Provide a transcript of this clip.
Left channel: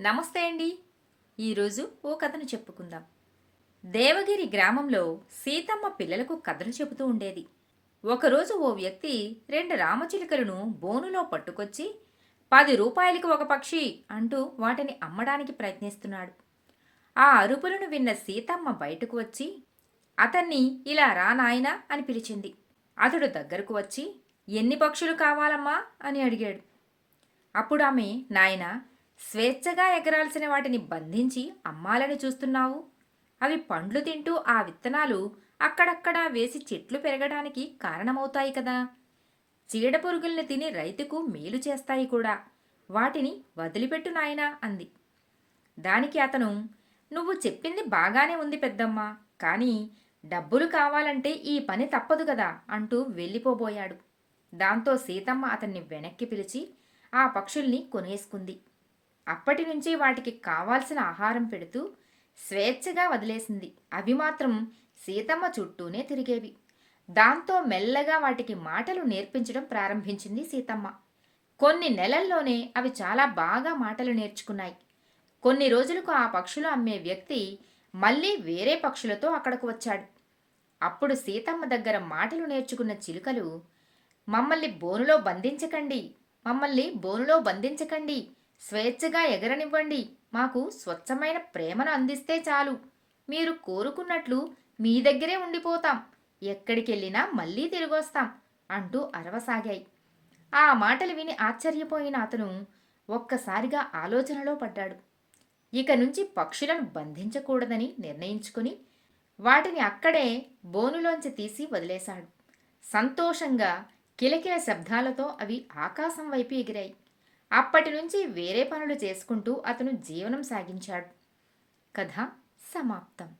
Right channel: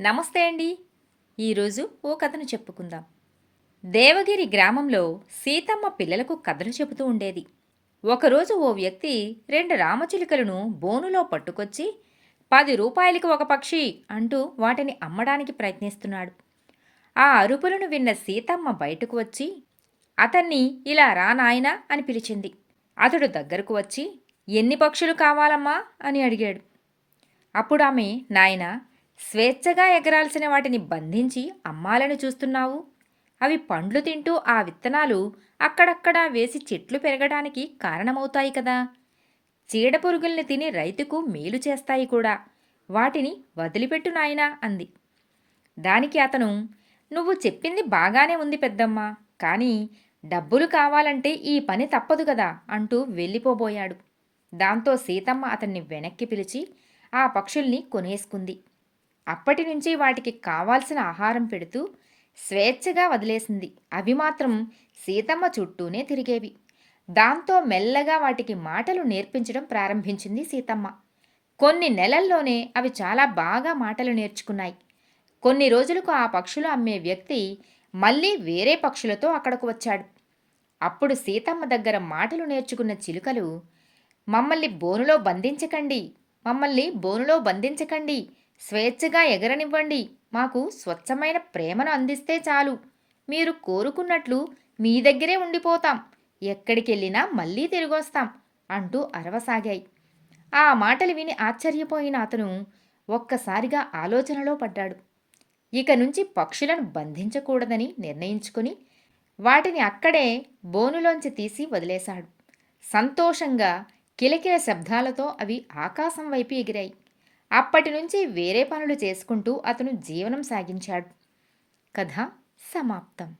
నమస్తే అండి. ఈరోజు ఓ కథను చెప్పుకుందాం. దేవగిరి గ్రామంలో సీతమ్మ పిల్లలకు కథలు చెబుతూ ఉండేది. ఒకరోజు ఓ వ్యక్తి రెండు రామచిలుకలను బోనులో పట్టుకొచ్చి పది రూపాయలకి ఒక పక్షి అంటూ వాటిని అమ్మడానికి ప్రయత్నిస్తున్నాడు. ఆ అరుపులను విన్న సీతమ్మ బయటకు వచ్చి అతన్ని ఇలా రా నాయనా అని పిలిచింది. అతడు దగ్గరకు వచ్చి ఎన్ని పక్షులు కావాలమ్మా అని అడిగాడు. అప్పుడు ఆమె నాయనా స్వేచ్ఛగా ఎగరాల్సిన వాటిని బంధించి అమ్మాలని చూస్తున్నావు? అవి పండ్లు తింటూ ఆ విత్తనాలు అక్కడక్కడా వేసి చెట్లు పెరగడానికి కారణమవుతాయి కదా. చీడపురుగుల్ని తిని రైతుకు మేలు చేస్తాయి కూడా. వాటిని వదిలిపెట్టు నాయనా అంది. దానికి అతను నువ్వు చెప్పింది బాగానే ఉంది పెద్దమ్మ. కానీ డబ్బులు కావాలంటే ఈ పని తప్పదు కదా అంటూ వెళ్ళిపోబోయాడు. దాంతో సీతమ్మ అతన్ని వెనక్కి పిలిచి ఆ పక్షుల్ని కొనేసుకుంది. అప్పటి నుంచి వాటికి కావాల్సిన ఆహారం పెడుతూ స్వేచ్ఛగా వదిలేసింది. అవి మాత్రం సీతమ్మ చుట్టూనే తిరిగేవి. దాంతో మెల్లగా వాటికి మాటలు నేర్పించడం ప్రారంభించింది సీతమ్మ. కొన్ని నెలల్లోనే అవి చాలా బాగా మాటలు నేర్చుకున్నాయి. కొన్ని రోజులకు ఆ పక్షులు అమ్మే వ్యక్తి మళ్ళీ వేరే పక్షులతో అక్కడకు వచ్చాడు. అప్పుడు సీతమ్మ దగ్గర మాటలు నేర్చుకున్న చిలుకలు మమ్మల్ని బోనులో బంధించకండి మమ్మల్ని బోనులో బంధించకండి స్వేచ్ఛగా ఎగరనివ్వండి. మాకు స్వచ్ఛమైన ప్రేమను అందిస్తే చాలు. మీరు కోరుకున్నట్లు మీ దగ్గరే ఉండిపోతాం. ఎక్కడికెళ్ళినా మళ్ళీ తిరిగొస్తాం అంటూ అరవసాగాయి. ఆ మాటలు విని ఆశ్చర్యపోయిన అతను ఒక్కసారిగా ఆలోచనలో పడ్డాడు. ఇక నుంచి పక్షులను బంధించకూడదని నిర్ణయించుకుని వాటిని అక్కడే బోనులోంచి తీసి వదిలేశాడు. సంతోషంగా కిలకిల శబ్దాలతో అవి ఆకాశం వైపు ఎగిరాయి. అప్పటి నుంచి వేరే పనులు చేసుకుంటూ అతను జీవనం సాగించాడు. కథ సమాప్తం.